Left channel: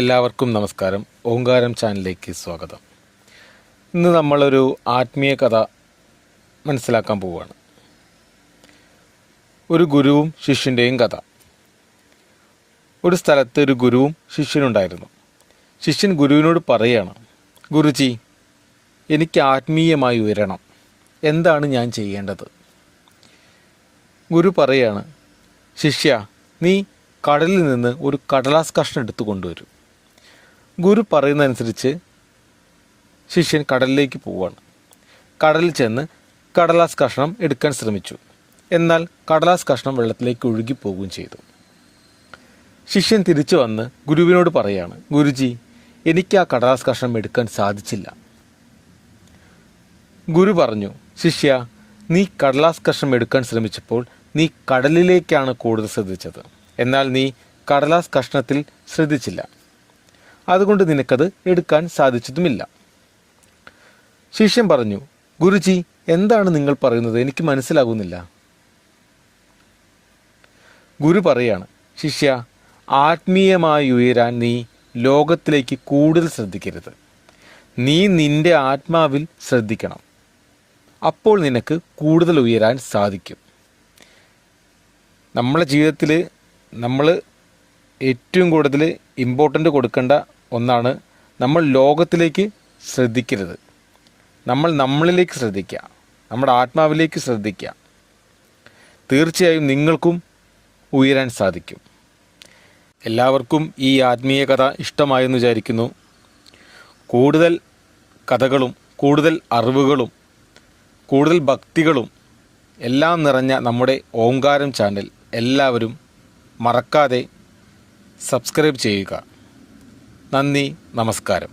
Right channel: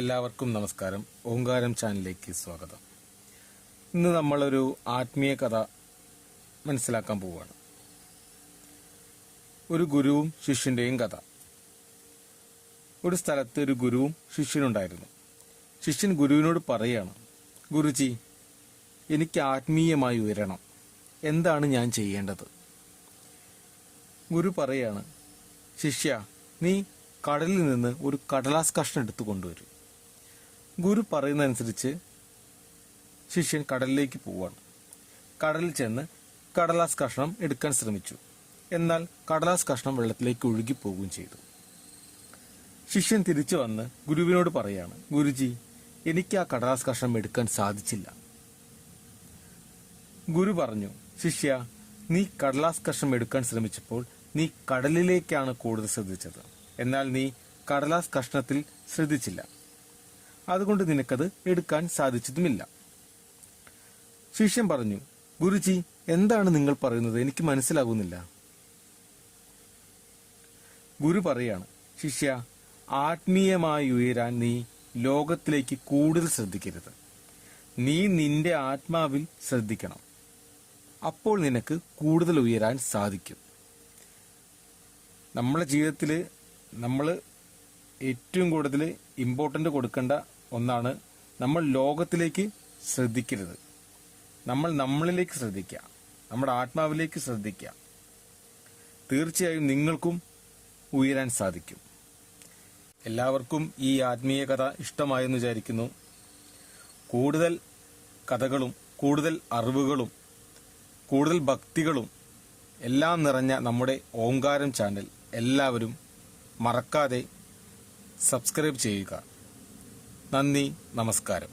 എല്ലാവർക്കും നമസ്കാരം. ഓങ്കാരം ചാനലിലേക്ക് സ്വാഗതം. ഇന്ന് നമ്മളൊരു ആത്മീയ കഥ മനസ്സിലാക്കാൻ പോവുകയാണ്. ഒരു ഗുരുവും ശിഷ്യൻ്റെയും കഥ. ഒരു സ്ഥലത്ത് ഒരു ഗുരുവും ശിഷ്യനുണ്ടായിരുന്നു. ശിഷ്യൻ ഗുരുവിനോട് പറയുകയാണ്, ഗുരുജി, എനിക്ക് ആത്മീയമായി ഉയരണം, എന്താണ് ഞാൻ ചെയ്യേണ്ടത്? ഗുരു പറയുകയാണ്, ശിഷ്യ, നീ കടലിൽ നിന്ന് ഒരു കടലാസ് കഷ്ണം എടുത്തു കൊണ്ടുവരും. ഗുരു പറയുന്നതനുസരിച്ച് ശിഷ്യൻ കടലിലേക്ക് പോവുകയാണ്. കടലിൽ ചെന്ന് കടലാസ് കഷ്ണം എടുക്കാൻ ശ്രമിച്ചു. എന്നാൽ കടലാസ് കഷ്ണം വെള്ളത്തിലേക്ക് ഒഴുകിപ്പോവുകയും ചെയ്തു. ശിഷ്യൻ തിരിച്ചു വന്ന് ഗുരുവിനോട് പറയുകയാണ്, ഗുരുജി, എനിക്ക് ആ കടലാസ് കഷ്ണം എടുക്കാൻ സാധിച്ചില്ല. ഗുരു പറഞ്ഞു, ശിഷ്യ, നീ കടലാസ് കഷ്ണം എടുക്കാൻ ശ്രമിച്ചപ്പോൾ നീ കടലിലേക്കാണ് കൂടുതൽ ശ്രദ്ധിച്ചത്. എന്നാൽ നീ കടലാസ് കഷ്ണത്തിൽ ശ്രദ്ധിച്ചില്ല. അതുകൊണ്ട് നിനക്കത് എടുക്കാൻ സാധിച്ചതുമില്ല. ശിഷ്യൻ പറഞ്ഞു, ഗുരുജി, എന്താണ് നിങ്ങൾ പറയുന്നത്? എനിക്ക് മനസ്സിലാകുന്നില്ല. ഗുരു പറയാണ്, ശിഷ്യ, ആത്മീയമായി ഉയരാൻ നീ ലോകത്തിലേക്ക് കൂടുതൽ ശ്രദ്ധിക്കരുത്. നീ നിന്റെ ആത്മാവിൽ ശ്രദ്ധിക്കണം. അപ്പോൾ നിനക്ക് കൂടുതൽ ഉയരാൻ സാധിക്കും. നമ്മളെ ജീവിതത്തിൽ നമ്മൾ ഏറ്റവും കൂടുതൽ ഇമ്പോർട്ടൻ്റ് കൊടുക്കേണ്ട ഒന്നാണ്, നമ്മൾ ലോകത്തിലേക്ക് ശ്രദ്ധിക്കരുത്. നമ്മൾ നമ്മളിലേക്ക് ശ്രദ്ധിക്കുക, നമ്മുടെ ആത്മാവിലേക്ക് ശ്രദ്ധിക്കുക. തീർച്ചയായും നിങ്ങൾക്കും ഉയരാൻ സാധിക്കും. എല്ലാവർക്കും ഈ ആത്മീയ കഥ ഇഷ്ടമായെന്ന് വിചാരിക്കുന്നു. കൂടുതൽ കഥകളും കൂടുതൽ അറിവുകളും കൂടുതൽ ഭക്തികളും എല്ലാം നിറഞ്ഞ നമ്മുടെ ഓങ്കാരം ചാനൽ എല്ലാവരും മറക്കാതെ സബ്സ്ക്രൈബ് ചെയ്യുക. നന്ദി, നമസ്കാരം.